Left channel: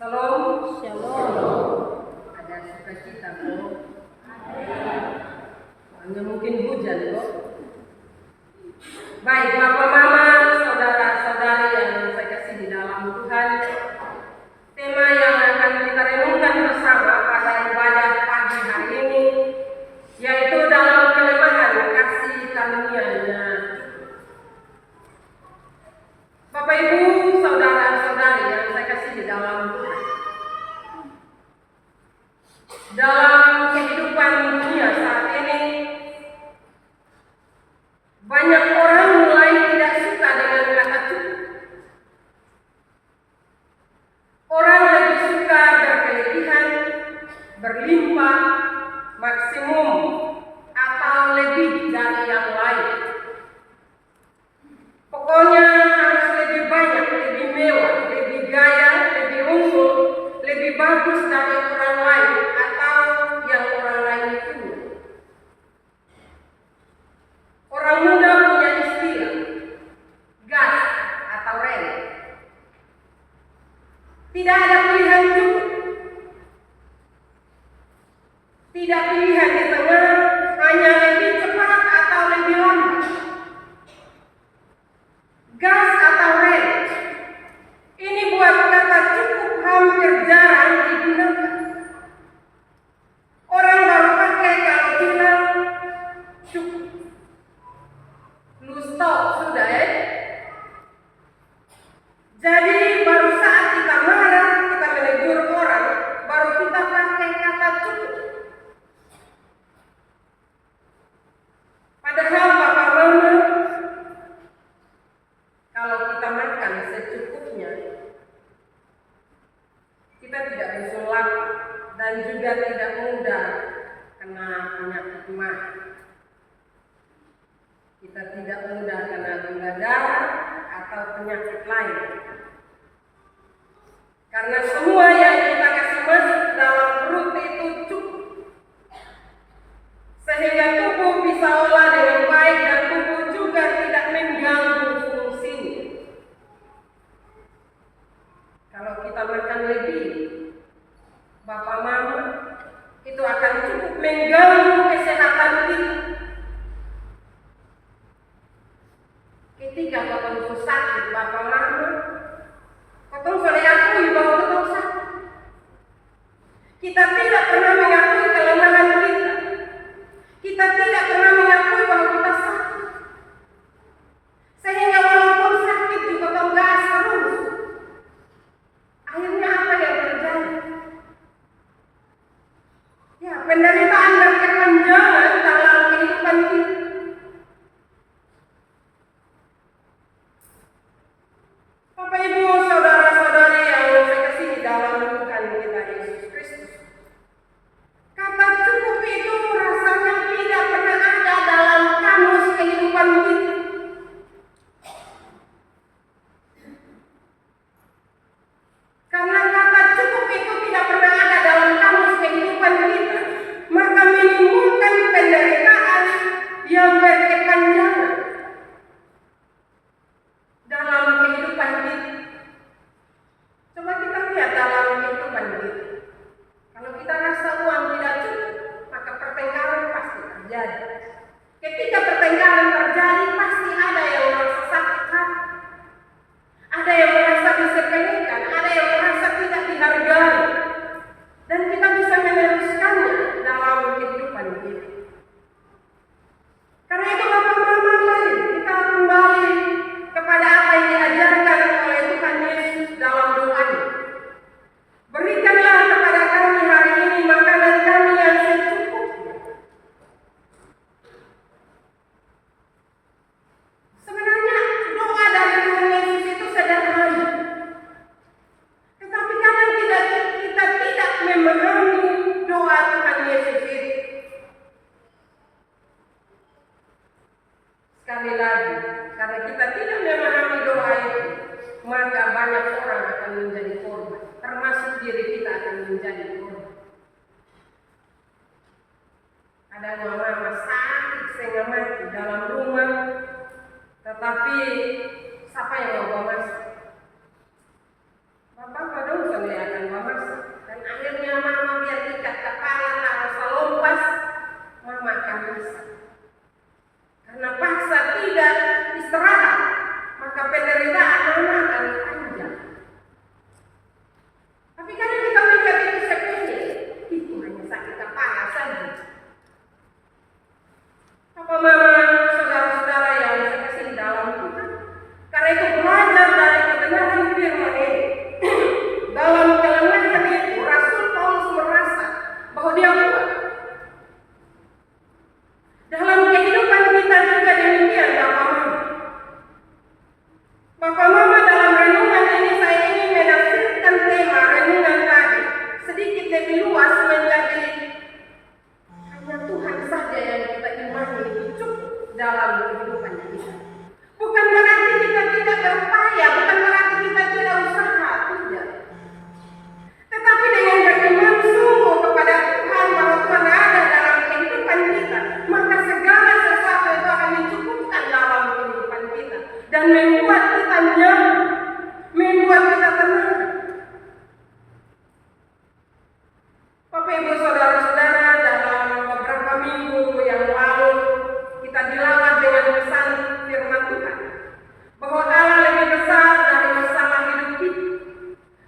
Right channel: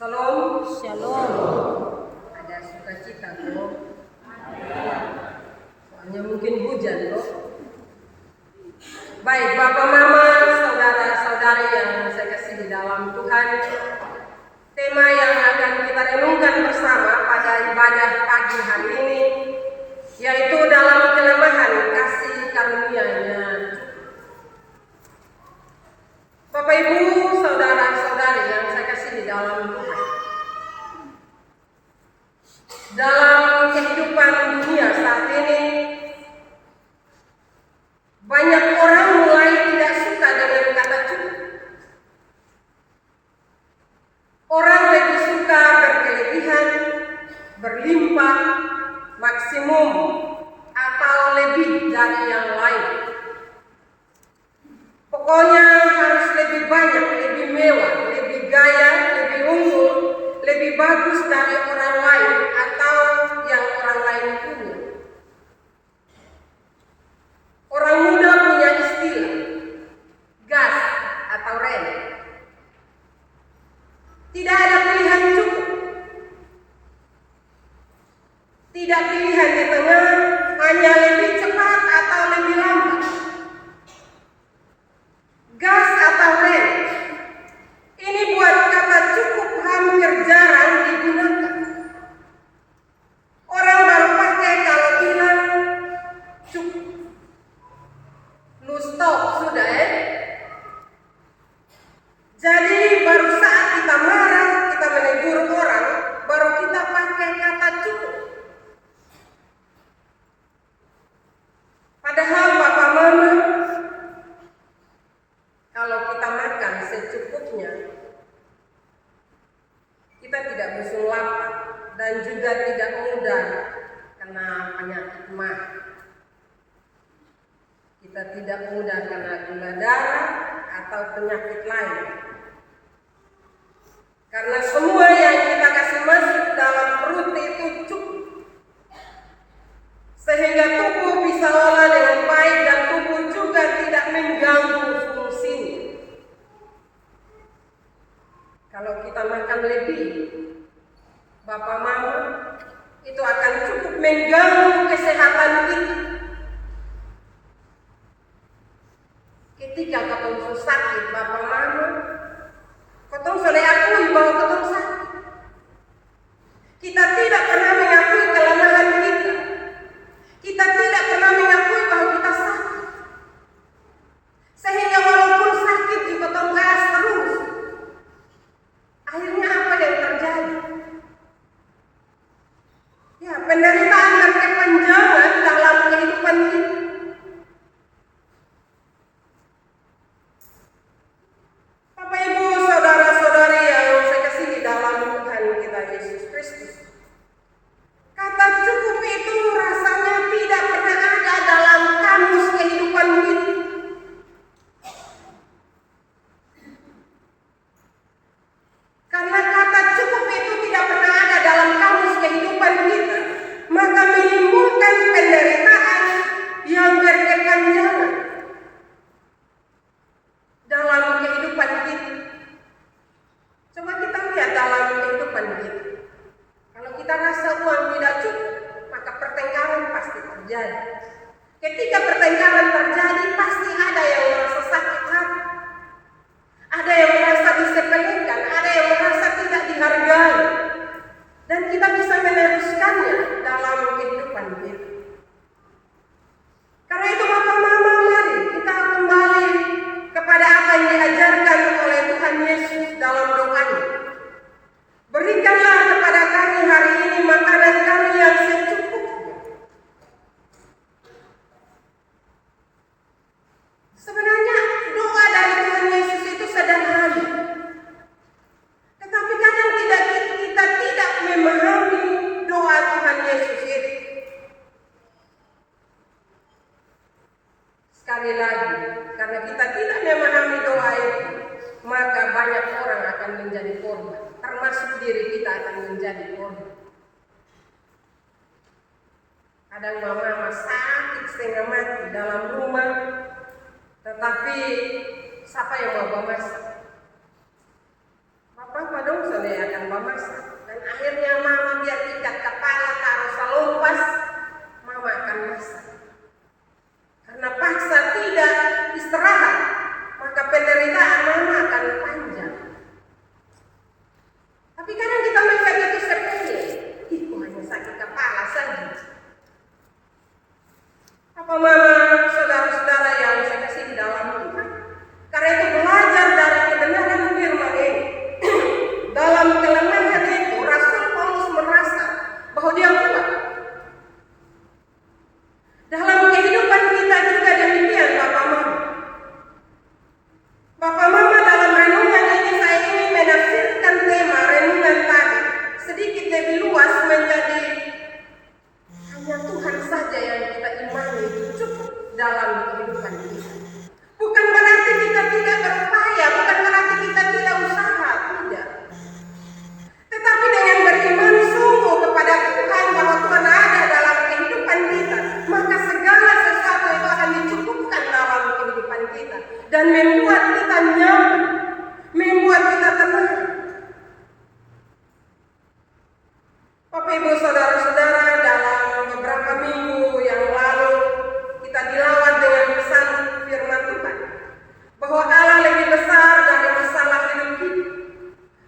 Shalom. Shalom. Ada sukacita kok. Soalnya mungkin hujan kok. Baik, Bapak Mama, saudara-saudari yang saya kasih di dalam Tuhan. Tema yang akan kita renungkan bersama pada ibadah pagi hari ini, yaitu dalam kelemahan kasih karunia-Nya. Bapak Ibu, saudara-saudari yang saya kasih di dalam Tuhan. Dalam kehidupan dunia saat ini, banyak orang mulai tidak suka dengan kata cukup. Orang lebih suka berkelebihan, berlimpah, maksimum, atau lebih dari yang lain. Pokoknya harus lebih banyak, lebih mewah, lebih gaya, lebih unggul, lebih bagus dari orang lain atau yang orang lain punya. Orang muda punya istilah gas atau rem. Tidak ada pilihan cukup. Tidak pilihan di tengah, hanya lebih cepat atau lebih lambat. Gas atau rem. Ini buat kata cukup hampir jarang digunakan. Orang baru pakai kalau bilang cukup. Lu stop sudah Jadi baru saat kita marah, kita menegur orang, baru kita pakai kata cukup. Padahal Bapak Mama, kalau kita makan secukupnya, kita tidak bosan lapar dan juga tidak mudah kena penyakit mah. Kita tidak mudah kena gula darah atau penyakit lain. Karena semua yang kita kasih masuk dalam perut itu cukup. Sehingga tubuh bisa olah dengan baik dan tubuh juga tidak mengganggu fungsinya. Kalau kita makan lebih, Bapak Mama, itu akan cukup mengganggu kesehatan kita. Ketika ketemu sakit, Bapak Mama, ketemu soleh akui bahwa ketemu sakit. Kita tidak pernah mengakui kelemahan kita. Kita tidak pernah mengakui bahwa kita sakit. Sehingga walaupun sakit juga ketemu gas terus. Akhirnya apa yang terjadi? Ya, penderitaan dan kepanjangan dalam kehidupan kita. Bapak Ibu, saudara-saudari yang saya kasih di dalam Tuhan kita Yesus Kristus. Kata cukup itu rasanya tidak pernah ada dalam kamus kehidupan kita. Karena kata cukup itu tidak pernah ada dalam kamus kehidupan kita, maka menimbulkan penderitaan yang berkepanjangan dalam kehidupan kita. Coba kita lihat dalam kehidupan kita. Kalau kita rasa uang tidak cukup, maka pertengkaran pasti terjadi. Ketika pertengkaran terjadi, pasti ada yang merasa sakit hati. Ada yang merasa disepelekan, ada yang merasa tidak dihargai. Dan kita bisa meneruskannya dalam kehidupan kita. Karena itu Bapak Mama, mari kita kembali kepada apa yang diajarkan oleh Tuhan Yesus dalam doanya. Berikanlah kepada kami hari ini makanan kami yang secukupnya. Sebenarnya doa dari Tuhan Yesus itu sederhana. Tetapi karena kita tidak memahami doa Tuhan Yesus itu. Sekali lagi, karena kita tidak memahami doa itu, maka banyak orang akan menjadi korban, termasuk diri kita akan menjadi korban. Ada mama sakit setengah mati dalam rumah, tetapi siapa yang mau bawa masak? Bapak kadang saya akan bawa penderitaan mama akan panjang. Tapi kadang kita melihat itu sepele, itu hanya sakit kepala saja. Apa mama, saudara-saudara yang saya kasih di dalam Tuhan, karena itu belajar dari kebenaran firman ini. Dalam kelemahan itu, Rasul Paulus merasa bahwa dia kuat. Dalam kehidupan kita juga demikian, Bapak Mama. Bapak Mama, dalam renungan ini saya ingin menafsirkan tema renungan tadi sedikit lebih luas menjadi hanya Tuhan saja yang kita imani itu cukup dalam kehidupan kita. Bukan berarti kita tidak berupaya, bukan berarti kita tidak usaha, tidak. Tetapi dengan beriman sungguh kepada Tuhan bahwa Tuhan ada dalam kehidupan kita, maka segala sesuatu itu akan dicukupkan dalam kehidupan kita dan membuat kita nyaman, membuat kita tenang. Bapak Ibu saudara-saudara, dalam beberapa minggu yang lalu kita dilawat dengan pesan firman Tuhan bahwa Allah lebih besar dari masalah hidup kita.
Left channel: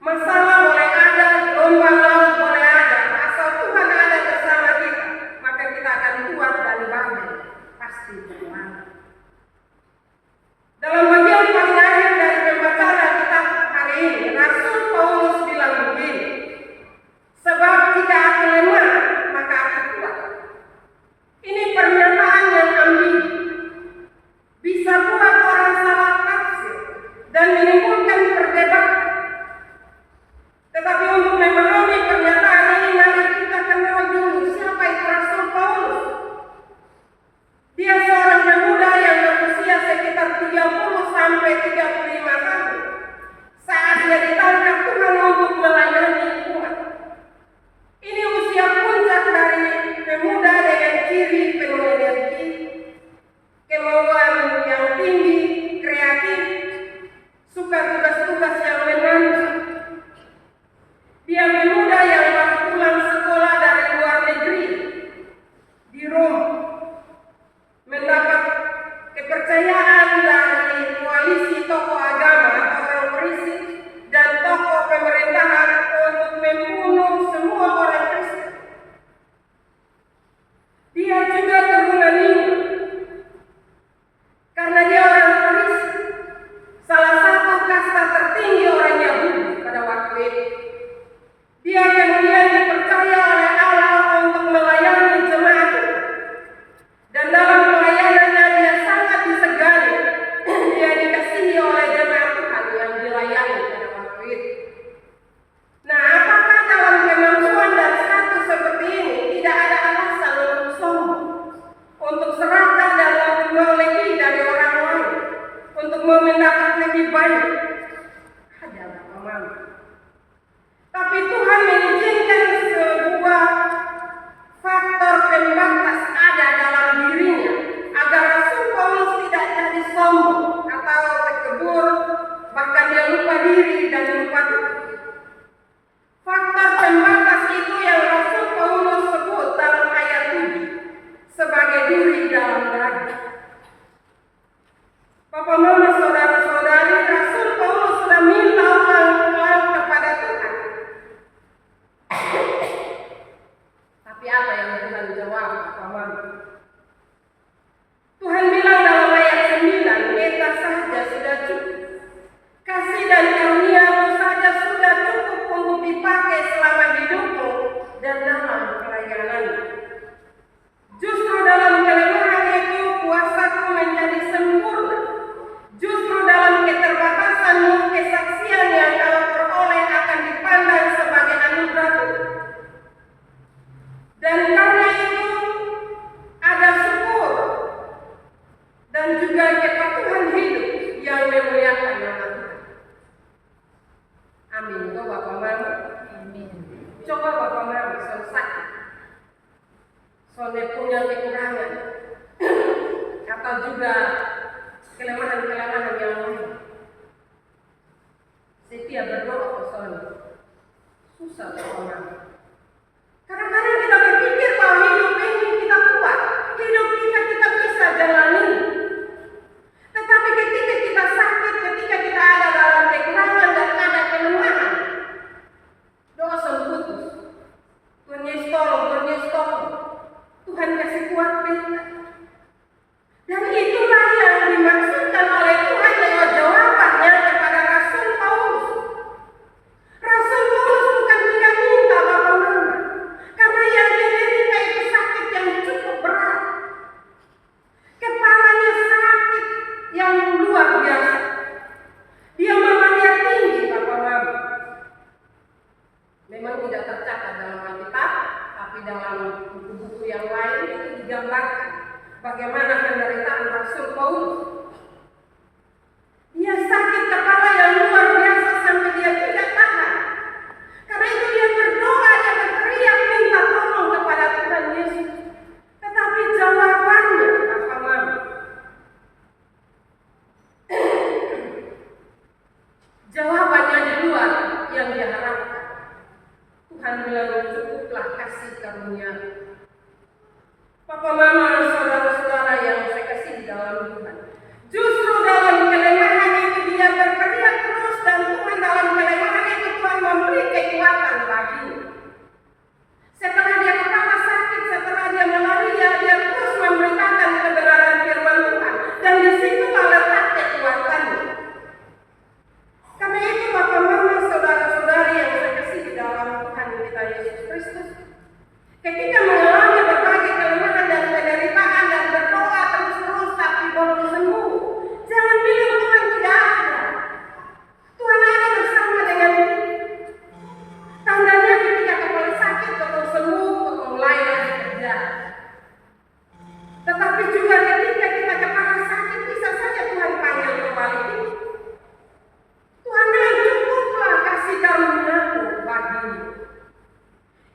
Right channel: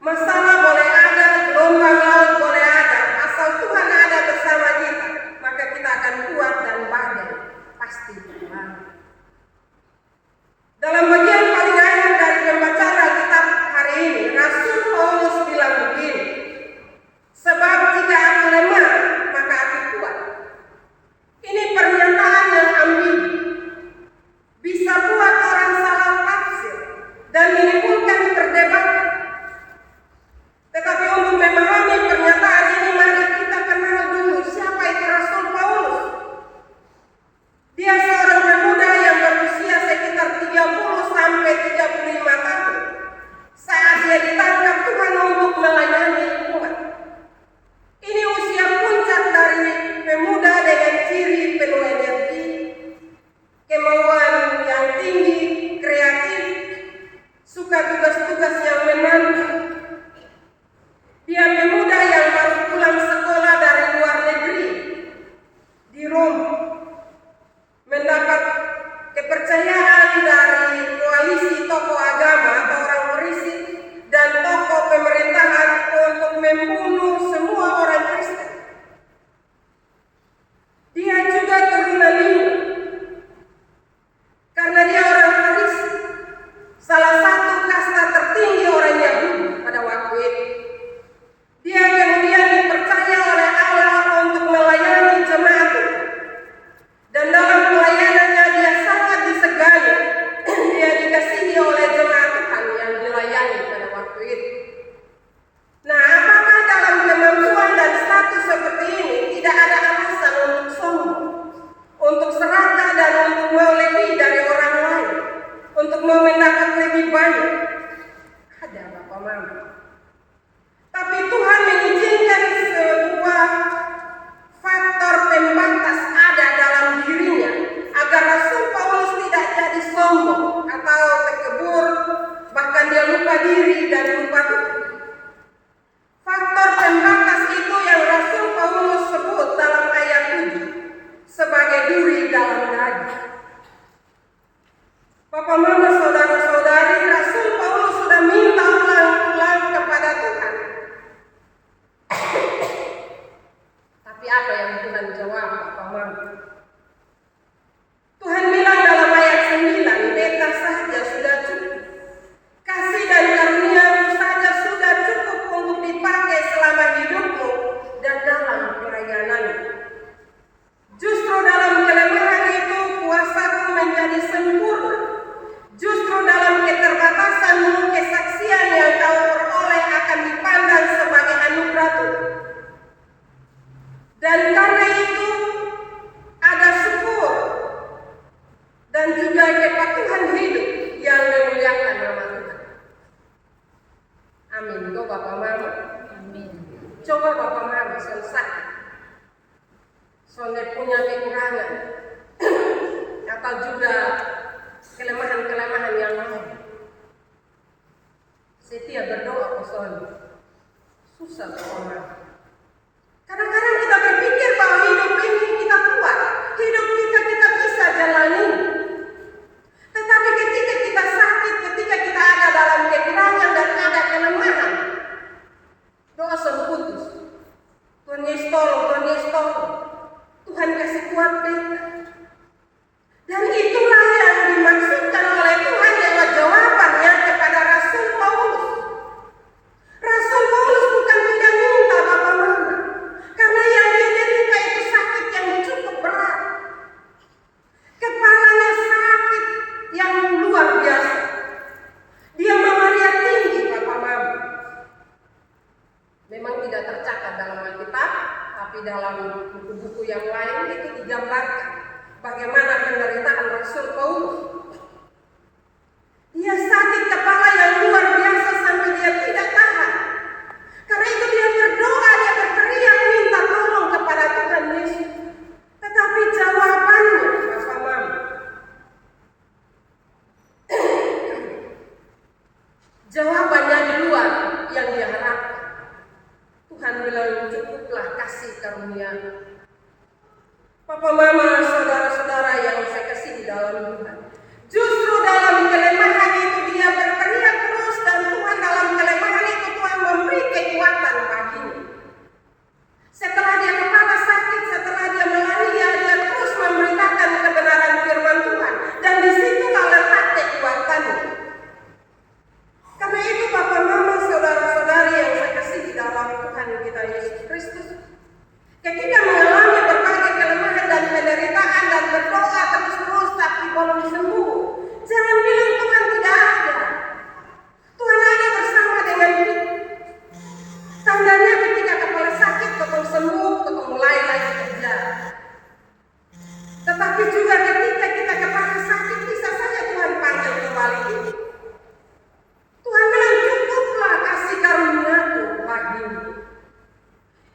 Masalah boleh ada, gelombang laut boleh ada, asal Tuhan ada bersama kita, maka kita akan kuat dan badai pasti tenang. Dalam bagian paling akhir dari pembacaan Alkitab hari ini, Rasul Paulus bilang begini, sebab jika aku lemah, maka aku kuat. Ini pernyataan yang ambigu, bisa buat orang salah tafsir dan menimbulkan perdebatan. Tetapi untuk memahami pernyataan ini, mari kita kenal dulu siapa itu Rasul Paulus. Dia seorang pemuda yang berusia sekitar 30 sampai 35 tahun saat dia ditangkap Tuhan untuk melayani umat. Ini usia puncak dari pemuda dengan ciri penuh energi, kemauan yang tinggi, kreatif, suka tugas-tugas yang menantang. Dia pemuda yang baru pulang sekolah dari luar negeri di Roma, mendapat kepercayaan dari koalisi tokoh agama atau orang Farisi dan tokoh pemerintahan untuk membunuh semua orang Kristen. Dia juga keturunan Yahudi, karena dia orang Farisi, salah satu kasta tertinggi orang Yahudi pada waktu itu. Dia kemudian dipercaya oleh Allah untuk melayani jemaat Tuhan. Dan dalam pelayanannya dia sangat disegani. Dia dikasihi oleh jemaat Tuhan yang dilayani pada waktu itu. Nah, apakah dalam kemampuan dan status seperti ini tidak ada alasan untuk sombong, untuk serakah dan untuk mau lebih dari orang lain, untuk mau mendapat lebih banyak? Ada, Bapak Mama. Tapi Tuhan mengizinkan sebuah faktor pembatas ada dalam dirinya agar Rasul Paulus tidak jadi sombong atau tekebur, bahkan dia lupa diri dan lupa Tuhan. Faktor pembatas itu yang Rasul Paulus sebut dalam ayat 7 sebagai duri dalam daging. Bapak Mama, saudara-saudari, Rasul Paulus sudah minta ulang-ulang kepada Tuhan. Tapi apa yang Tuhan jawab, Bapak Mama? Tuhan bilang dalam ayat 9, beta saja sudah cukup. Kasih dan karunia-Mu saja sudah cukup untuk dipakai selama hidupmu dan dalam pelayananmu. Justru dalam kelemahan itu kuasaku menjadi sempurna. Justru dalam keterbatasanmu, kesaksian yang kau peroleh akan dipandang sebagai anugerah Tuhan. Dan karena itu ada syukur dan juga kepatuhan hidup yang memuliakan nama Tuhan. Amin. Kau Bapak Mama. Amin. Coba Bapak Mama soal sakit, soalnya punya kekurangan atau juga kelemahan-kelemahan yang lain. Setia berdoa soalnya susah Bapak Mama. Kadang-kadang kita berpikir bahwa hidup ini kita kuat, hidup kita bisa jalani. Tetapi ketika kita sakit, ketika bagaimana penderitaan Rasul Paulus. Dia sakit kepala yang luar biasa sampai dia tidak tahan. Karena itu dia berdoa, dia berteriak minta tolong kepada Tuhan Yesus. Tetapi jawabannya apa mama? Jawabannya di luar yang dia harapkan. Tuhan bilang, cukuplah kasih karunia. Papa mama, saudara-saudara yang saya kasih di dalam Tuhan. Justru dalam kelemahan itu dia berteriak terus, dan Tuhan dalam kelemahan itu Tuhan memberi kekuatan baginya. Setelah dia kepala sakit, setelah dia malaria, dia terus memberitakan kebenaran firman Tuhan, dan di situlah letak kekuatannya. Karena itu Bapak Mama, saudara-saudari yang saya kasih di dalam Tuhan kita Yesus Kristus, ketika mengalami berbagai kelemahan dan penderitaan dan berdoa terus-terus tapi belum sembuh, jangan bilang Tuhan tidak ada. Tuhan ada bersama dengan kita. Tandanya ketika kepala sakit betul sembuh, betul mulai lagi kerja. Tetapi juga ketika kita kepala sakit, bisa saja Tuhan panggil kembali kita. Tuhan bilang, cukuplah kasih karunia-Ku bagimu.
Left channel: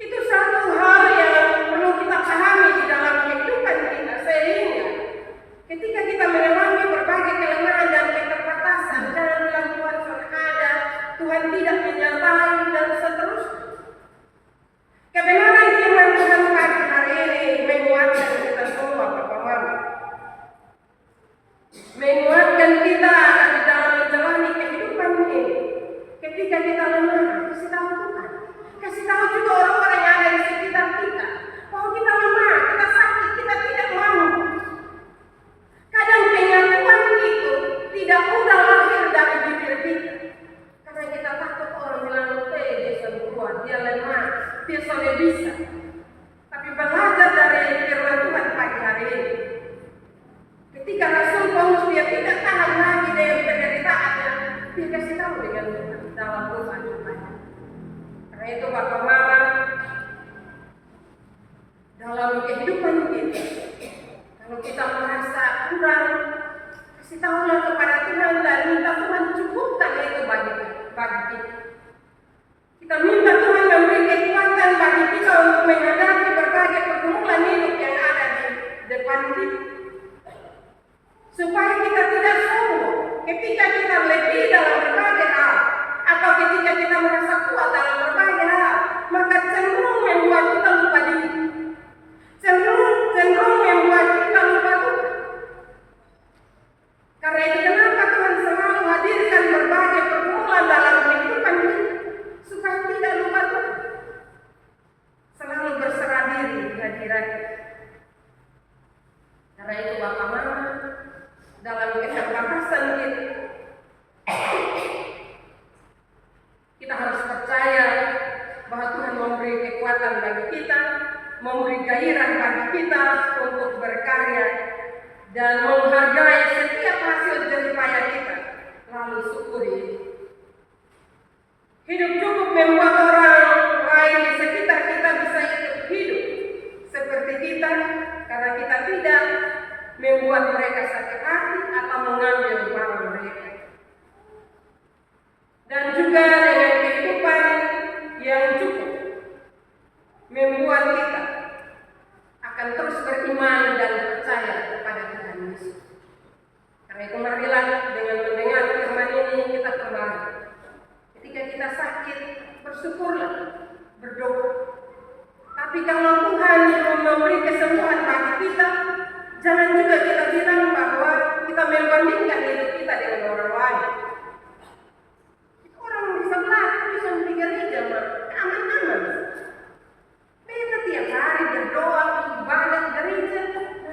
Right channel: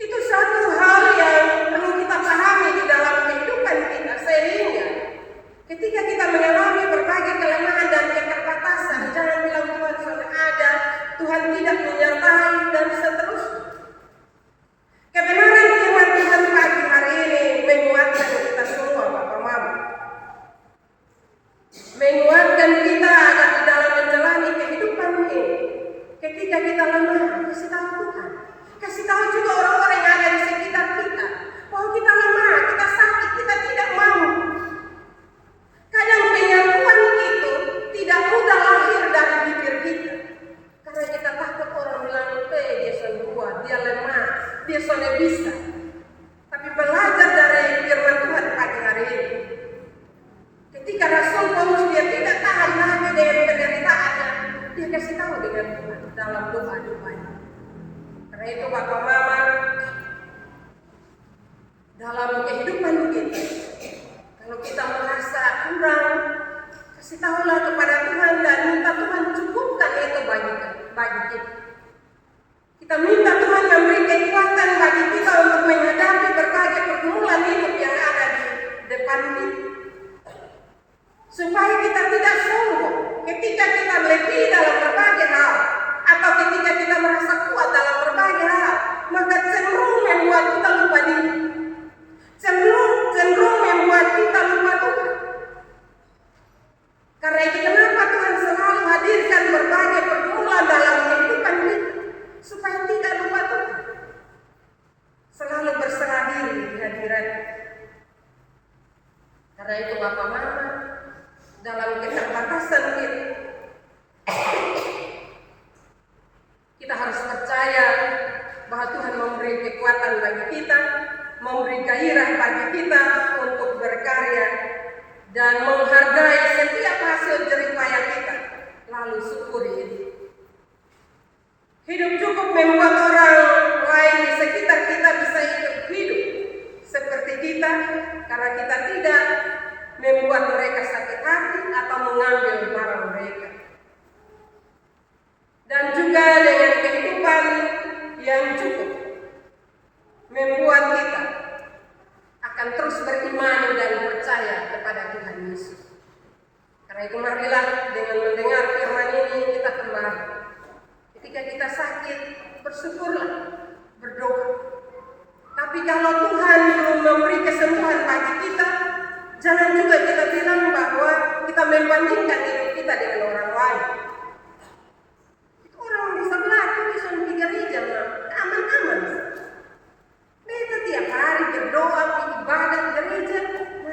Itu satu hal yang perlu kita pahami di dalam kehidupan kita, sehingga ketika kita mengalami berbagai kelemahan dan keterbatasan, jangan bilang Tuhan sudah ada, Tuhan tidak menyertai, dan seterusnya. Kebenaran firman Tuhan pagi hari ini menguatkan kita semua, Bapak Mama. Menguatkan kita agar di dalam menjalani kehidupan ini. Ketika kita lemah, kasih tahu Tuhan. Kasih tahu juga orang-orang yang ada di sekitar kita bahwa kita lemah, kita sakit, kita tidak mampu. Kadang pengakuan itu tidak mudah lahir dari bibir kita. Karena kita takut orang bilang, dia sudah kuat, dia lemah, dia sudah bisa. Tapi belajar dari firman Tuhan pagi hari ini. Ketika Rasul Paulus dia tidak tahan lagi dengan penderitaannya, dia kasih tahu dengan Tuhan dalam doa-doanya. Karena itu Bapak Mama, dalam kehidupan kita, kalau kita merasa kurang, kasih tahulah kepada Tuhan dan minta Tuhan cukupkan itu bagi kita. Kita minta Tuhan memberi kekuatan bagi kita untuk menghadapi berbagai pergumulan hidup yang ada di depan kita. Supaya kita tidak sombong ketika kita lebih dalam berbagai hal, atau ketika kita merasa kuat dalam berbagai hal, maka cenderung membuat kita lupa diri. Cenderung membuat kita lupa Tuhan. Karena itu kenapa Tuhan selalu hadirkan berbagai pergumulan dalam kehidupan kita, supaya tidak lupa Tuhan. Selalu berserah diri di hadirat-Nya. Karena itu Bapak Mama, dalam keterbatasan kita harus percaya bahwa Tuhan memberi kekuatan bagi kita, memberi gairah bagi kita untuk berkarya dan menghargai setiap hasil jerih payah kita, lalu syukuri itu. Hidup cukup membuat orang lain di sekitar kita bisa hidup seperti kita, karena kita tidak membuat mereka sakit hati atau mengambil barang mereka. Dan juga dengan kehidupan yang cukup membuat kita akan terus beriman dan percaya kepada Tuhan Yesus. Karena itu marilah dengan mendengar firman ini kita kembali. Ketika kita sakit, bersyukurlah, berdoa. Tapi kalau Tuhan belum memberi kesembuhan bagi kita, jangan juga kita bilang bahwa kita membandingkan hidup kita dengan orang lain. Orang di sebelah itu bisa di gereja, aman-aman. Kita tiap hari berdoa, ibadah gereja,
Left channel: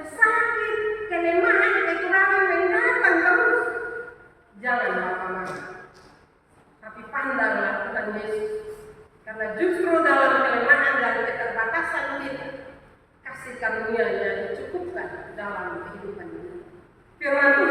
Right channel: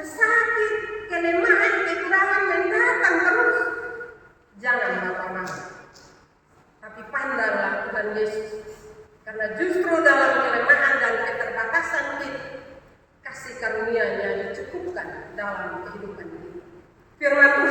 sakit, kelemahan, kekurangan mendatang terus. Jangan Bapak-Bapak. Tapi pandanglah Tuhan Yesus. Karena justru dalam kelemahan dan keterbatasan kita, kasih karunia-Nya dicukupkan dalam kehidupan kita. Firman Tuhan